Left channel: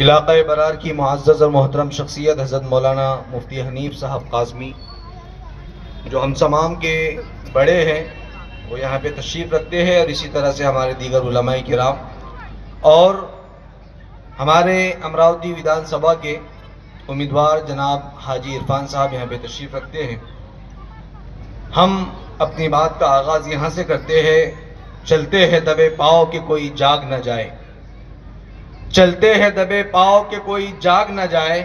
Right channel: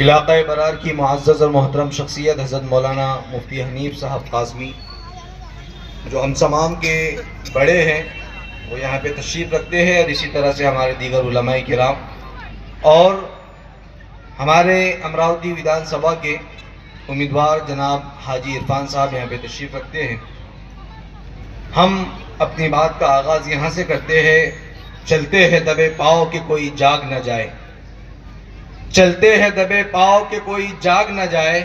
علاقہ برار کی معزز اور محترم شخصیت حضرت مولانا مفتی حنیف صاحب قاسمی جو ہم تمام کے بڑے ہیں، وہ یہاں پہ تشریف رکھتے ہیں، اور اسی طرح سے ہمارے دیگر علماء کرام اور ہمارے امراوتی ودھان سبھا کے امیدوار جناب حاجی عرفان صاحب یہاں پہ تشریف رکھتے ہیں۔ ہم اپنی بات کا آغاز یہاں سے کرتے ہیں: چلتے ہیں دبے پاؤں کہ کوئی جاگ نہ جائے، چلتے ہیں دبے پاؤں کہ کوئی جاگ نہ جائے،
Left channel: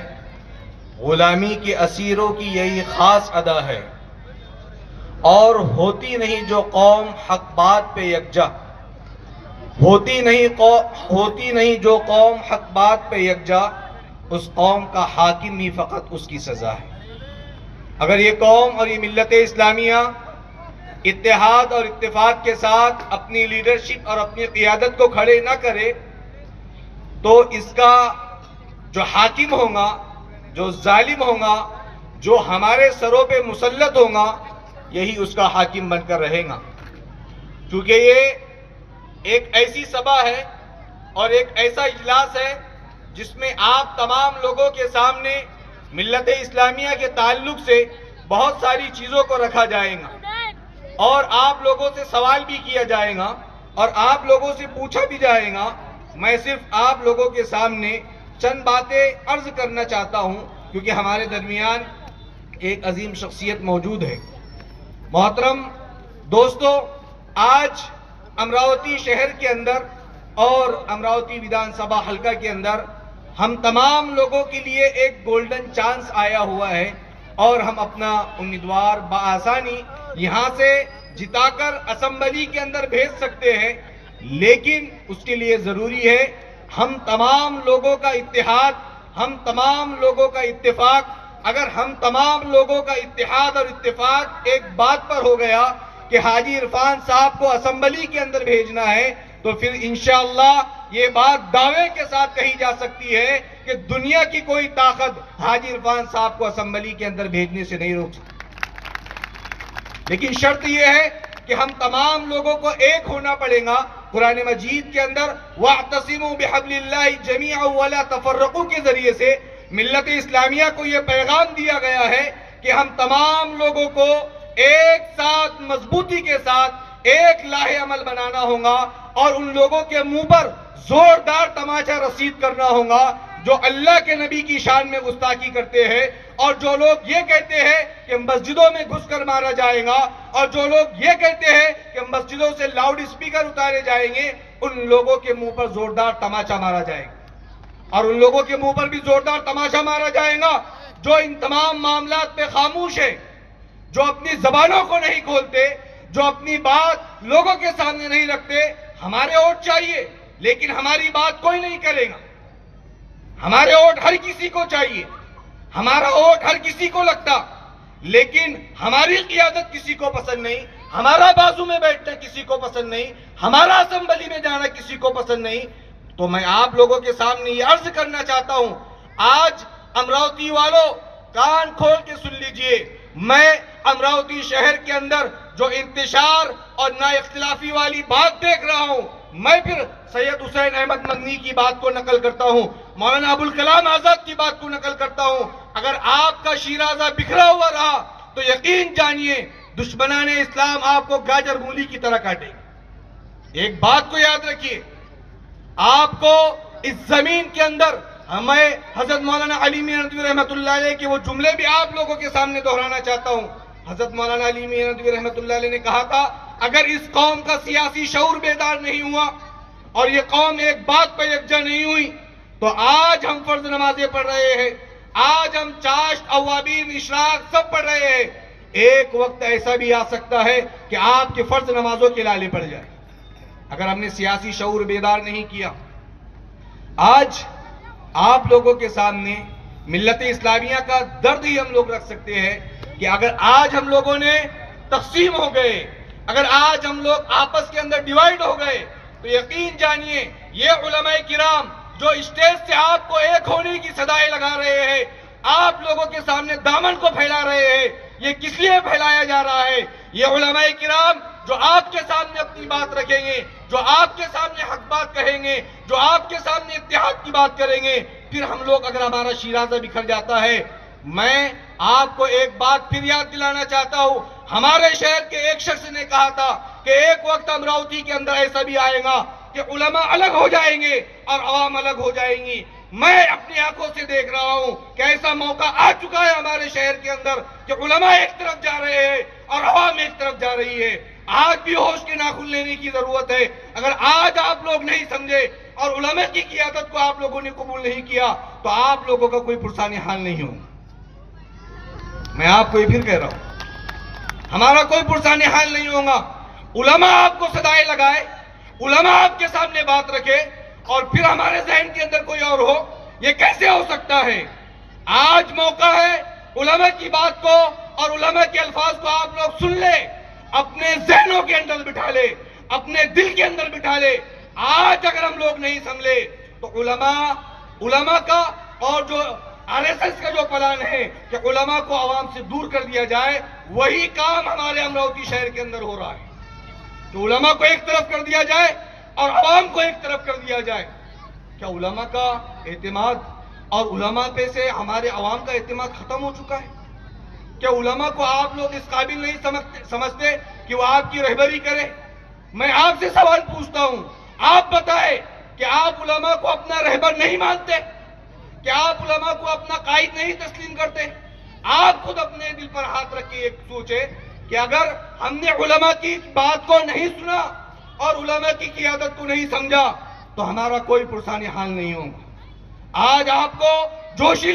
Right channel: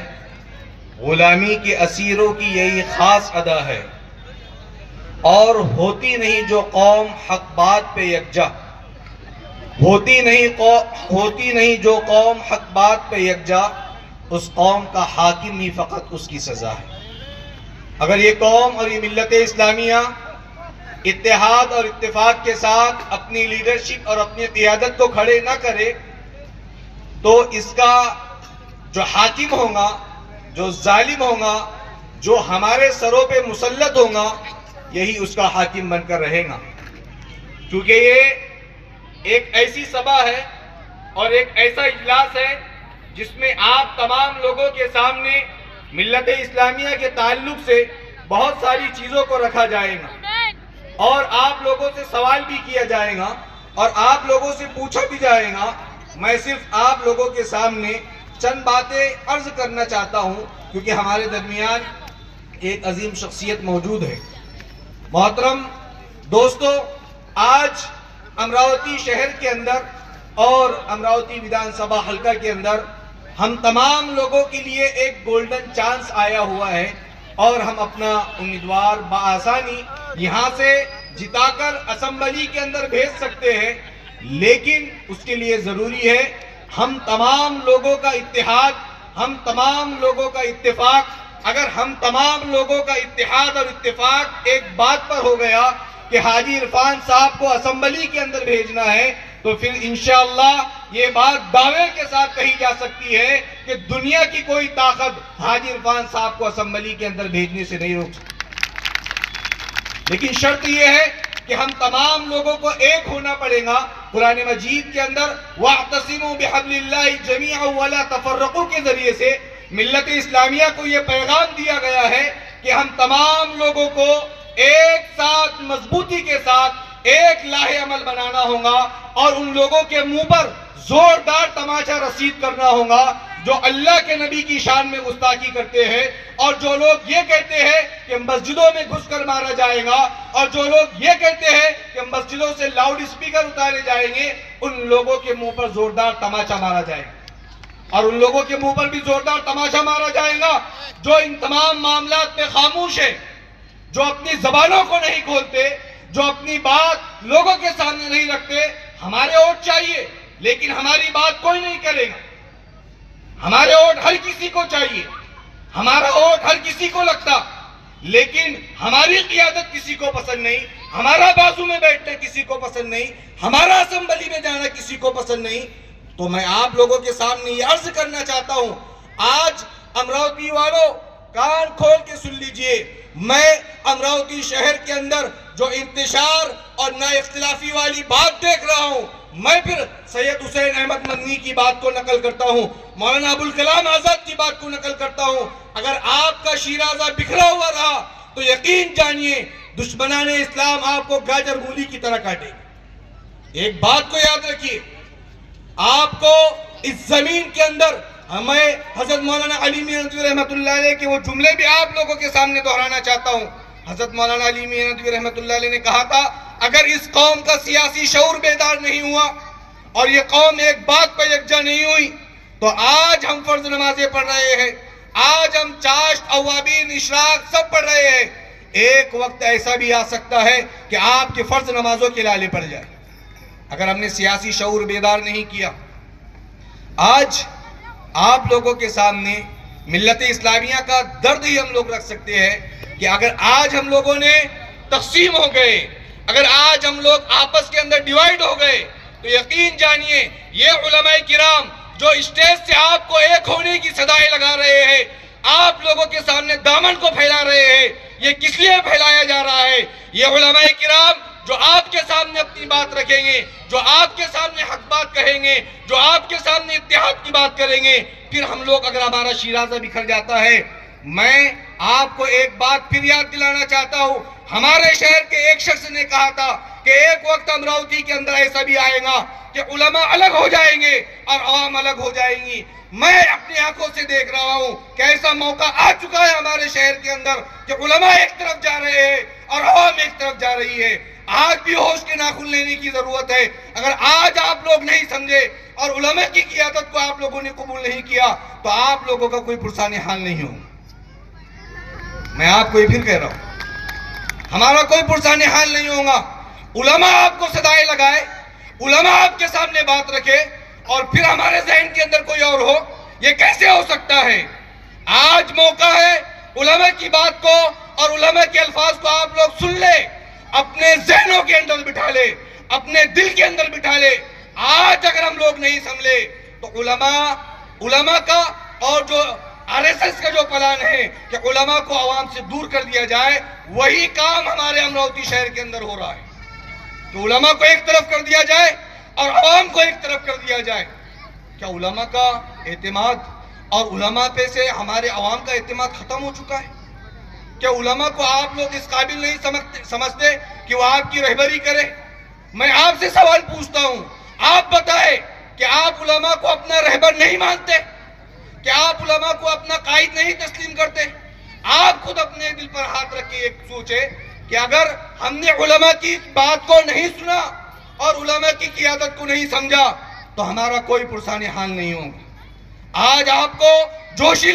غلامی کے اسیروں کی یہی خاص ادا ہے، اور ہوتی نہیں جو قوم حق بات پہ یکجا، ہوتی نہیں جو قوم حق بات پہ یکجا، اس قوم کا حاکم ہی فقط اس کی سزا ہے۔ اگر یہ قوم اور یہ ملت اسلامیہ اتحاد اور اتفاق کے ساتھ اپنی لیڈرشپ اور اپنی قیادت کو کھڑے نہ کرے تو اس کا جو حاکم ہوگا، جو ظالم ہوگا، جو ہمارے سروں پہ مسلط ہوگا، یہی اس کا حاکم بن کر رہے گا۔ کیونکہ یہ ایک ایسی سبھا ہے اور ایک ایسا اجلاس ہے جس میں آپ تمام لوگوں کے سامنے ملت اسلامیہ کے تعلق سے بہت ساری چیزوں کو رکھا جائے گا، اور آپ لوگوں سے سوال بھی کیا جائے گا، اور آپ لوگوں سے پوچھا بھی جائے گا۔ میں صرف آپ لوگوں کے سامنے چند باتیں عرض کرنا چاہتا ہوں، کیونکہ ہمارے درمیان ایک عظیم شخصیت موجود ہے۔ محترم دوستو، آج امراوتی شہر کے اندر اور امراوتی ودھان سبھا حلقہ کے اندر ہم تمام لوگوں کے لیے ایک گولڈن چانس آیا ہوا ہے، اور ہم اپنا امیدوار بآسانی یہاں سے جتا کر اسمبلی کے اندر بھیج سکتے ہیں، لیکن اس کے لیے ضروری ہے ہم تمام لوگوں کا اتحاد، ہم تمام لوگوں کا اتفاق۔ اگر ہم تمام لوگوں کا اتحاد اور اتفاق ایک بات پر ہو گیا کہ حاجی عرفان صاحب کو اسمبلی کے اندر بھیجنا ہے، تو پھر انشاءاللہ یہ بات دعوے کے ساتھ کہی جا سکتی ہے کہ دنیا کی کوئی طاقت حاجی عرفان صاحب کو اسمبلی کے اندر بھیجنے سے نہیں روک سکتی۔ لیکن شرط یہ ہے کہ ہم تمام لوگوں کو ایک ہونا پڑے گا۔ قرآن مجید کے اندر وَاعْتَصِمُوا بِحَبْلِ اللَّهِ جَمِيعًا وَلَا تَفَرَّقُوا کے ذریعے سے ملت اسلامیہ کو یہ پیغام دیا گیا ہے کہ ہم تمام لوگوں کو ایک ساتھ مضبوطی کے ساتھ ایک لاہ عمل بنانا ہوگا، اور ان لوگوں کے منہ پر زوردار تماچا رسید کرنا ہوگا جو اللہ کے نبی کی شان میں گستاخی کرتے ہیں، اور جو لوگ یہ کہتے ہیں کہ مسجدوں میں گھس کر مارا جائے گا، اور جو لوگ یہ کہتے ہیں کہ مسجدوں سے لاؤڈ اسپیکر اتارے جائیں گے، ان لوگوں کے منہ پر زوردار تماچا مارا جائے گا۔ اور ان لوگوں کے منہ پر بھی زوردار تماچا مارا جائے گا جو ان تمام معاملات پہ خاموش ہیں، جو اپنی زبانوں کو نہیں کھولتے، جو اپنی بات لوگوں کے سامنے نہیں رکھتے۔ ہمارے ووٹ چاہیے، لیکن ہماری بات کوئی نہیں کرے گا۔ ہمارے ووٹ ہر کسی کو چاہیے، ہمارا ووٹ ہر کسی کو لگتا، لیکن ہماری قیادت کسی کو پسند نہیں، ہمارا بازو میں بیٹھنا کسی کو پسند نہیں، ہمارا اسمبلی میں جانا کسی کو پسند نہیں۔ تو میں آپ لوگوں کے سامنے یہ عرض کرنا چاہتا ہوں، آج امراوتی والوں کان کھول کے سن لیجئے، میں امراوتی شہر کے اندر جو انتشار اور نا اختلافی والی بات دیکھ رہا ہوں، میں پھر سید حسین احمد مدنی کی بات کو نقل کرتا ہوں، مولانا ابوالکلام آزاد کی بات کو نقل کرتا ہوں۔ اگر آپ کا شیرازہ بکھرا ہوا رہا تو یقین جانیے دشمنان اسلام آپ کو گاجر مولی کی طرح کاٹے گا۔ ایک بات کو یاد رکھیے، آپ کو اس زمین کے اندر میں حضرت مولانا علی میاں ندوی رحمۃ اللہ علیہ کے وہ جملے بھی آپ لوگوں کے سامنے دہرانا چاہتا ہوں۔ حضرت مولانا علی میاں ندوی رحمۃ اللہ علیہ نے کہا تھا، اگر اس قوم کا سیاسی شعور بیدار نہیں ہوا اور یہ قوم ایک بات پر یکجا نہیں ہوئی تو آج ہم فرض نمازیں پڑھ رہے ہیں، آج ہم چاشت، اوابین، اشراق سب پڑھ رہے ہیں، ایک وقت ایسا بھی آ سکتا ہے کہ آپ کے فرض نمازوں کے لالے پڑ جائے اگر ہم نے سیاسی شعور بیدار نہیں کیا۔ آج آپ لوگوں کے سامنے ملت اسلامیہ کا درد ہی ہم لوگ رکھ سکتے ہیں کہ اگر آج ہم لوگوں نے تقسیم ہو گئے، اگر آج ہم لوگ آپس کے اندر ڈیوائیڈ ہو گئے، تو یقین جانیے یہ علماء کرام جو اسٹیج سے آپ کو ایک ہونے کی صدائیں لگا رہے ہیں، آپ لوگوں کے سامنے دامن کو پھیلا رہے ہیں، یہ کس لیے پھیلایا جا رہا ہے؟ یہ علماء کرام جو آپ کے سامنے اپنی بات رکھیں گے، جو آپ کے سامنے حق بات کہیں گے، جو آپ کے سامنے اتحاد کی بات کریں گے، پھر ہم لوگ اگر ہمارا شیرازہ بکھر جاتا ہے. میں آپ کو ایک بات پھر یاد دلانا چاہتا ہوں. ہمارے شہر کے ایک شخص نے کہا تھا کہ ایک وقت امراوتی کے اندر ایسا بھی آئے گا کہ علماء الگ ہو جائیں گے اور عوام الگ ہو جائیں گی. میں اپنی آنکھوں سے دیکھ رہا ہوں کہ ایسا موقع آ چکا ہے ہمارے شہر کے اندر کہ علماء ایک طرف جا رہے ہیں اور عوام ایک طرف جا رہی ہے. آج بھی ہوش کے ناخن لینے کی ضرورت ہے. اگر آج آپ لوگ نہیں سمجھے اور علماء کی قیادت کو آپ لوگوں نے قبول نہیں کیا تو آپ لوگوں کا کوئی پرسان حال نہیں ہوگا. میں آپ کو یہ پھر کہہ رہا ہوں، ہمارا کوئی پرسان حال نہیں ہوگا. علماء آپ کو صدائے لگائے، علماء آپ کے سامنے بات رکھے اور پھر ہمارے ذہن کے اندر کوئی اور ہو، یہ کیسے ہو سکتا ہے؟ آج موقع ہے علماء کی بات کو اور علماء کے الفاظ کو آپ لوگ سن لے، اپنے ذہنوں کے اندر بٹھا لے، اپنے دل کے اندر بٹھا لے. آج اگر ہم لوگ نہیں سمجھے تو علماء کا اور جو RSS کا جو پلان ہے کہ علماء کو عوام سے دور کر دیا جائے، وہی کام ہمارے امراوتی شہر کے اندر ہو رہا ہے کہ علماء کو ایک طرف کر دیا جائے اور عوام کو ایک طرف کر دیا جائے. کیا علماء کا اعتماد اور علماء پہ سے ہمارے عوام کا اعتماد ختم ہو چکا ہے؟ کیا علماء کو آپ لوگ اس قابل نہیں سمجھتے کہ وہ آپ کی رہبری کرے؟ میں آپ سے سوال پوچھتا ہوں، آپ بتائیں کہ آپ علماء کو اپنا رہبر نہیں مانتے؟ کہ آپ علماء کو اپنا قائد نہیں تسلیم کرتے؟ آپ خود اپنے دل پر ہاتھ رکھ کے ایک سوچے کہ اگر ہم نے علماء کی بات کو نہیں سنا اور علماء کی قیادت کو نہیں سمجھا تو ہمارا کوئی پرسان حال نہیں ہوگا. آج آپ کو جوشی